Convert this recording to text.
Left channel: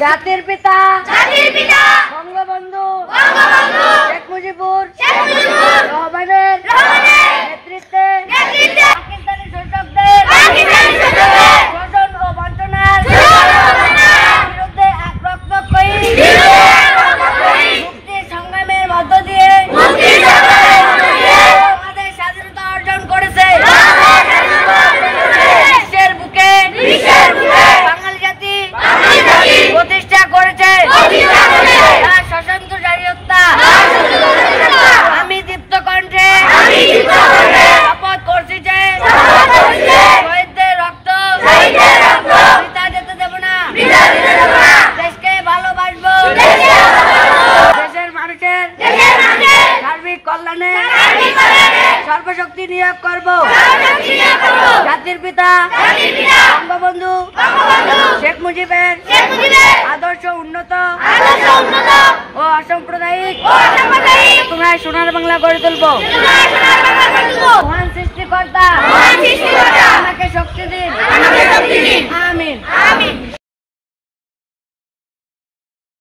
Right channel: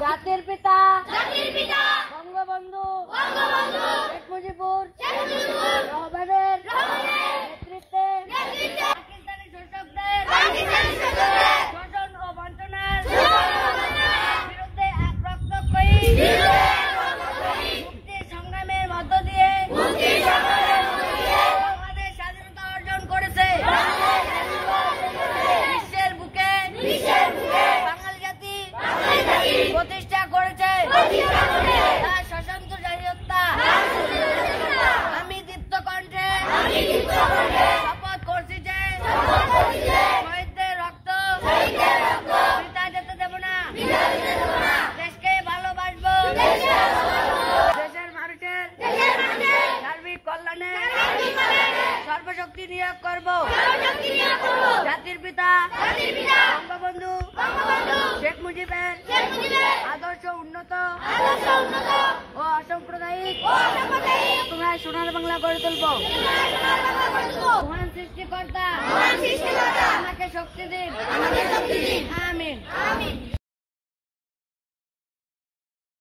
জাতির পিতা বঙ্গবন্ধু শেখ মুজিবুর রহমানের নেতৃত্বে পাকিস্তানি শাসকদের শোষণ ও বঞ্চনার বিরুদ্ধে এক রক্তক্ষয়ী মুক্তির সংগ্রামের মধ্য দিয়ে আমাদের স্বাধীনতা অর্জন করেছে। বিশ্বের বুকে বাঙালি জাতি প্রতিষ্ঠা করেছে তার সশস্ত্র জাতীয়তা। আমি দীপ্ত কণ্ঠে শপথ করছি যে শহীদদের রক্ত বৃথা যেতে দেব না। দেশকে ভালোবাসবো, দেশের মানুষের সার্বিক কল্যাণে সর্বশক্তি নিয়োগ করব। জাতির পিতা বঙ্গবন্ধু শেখ মুজিবের আদর্শ উন্নত ও অসাম্প্রদায়িক তোমরা সোনার বাংলা গড়ে তুলব। মহান সৃষ্টিকর্তা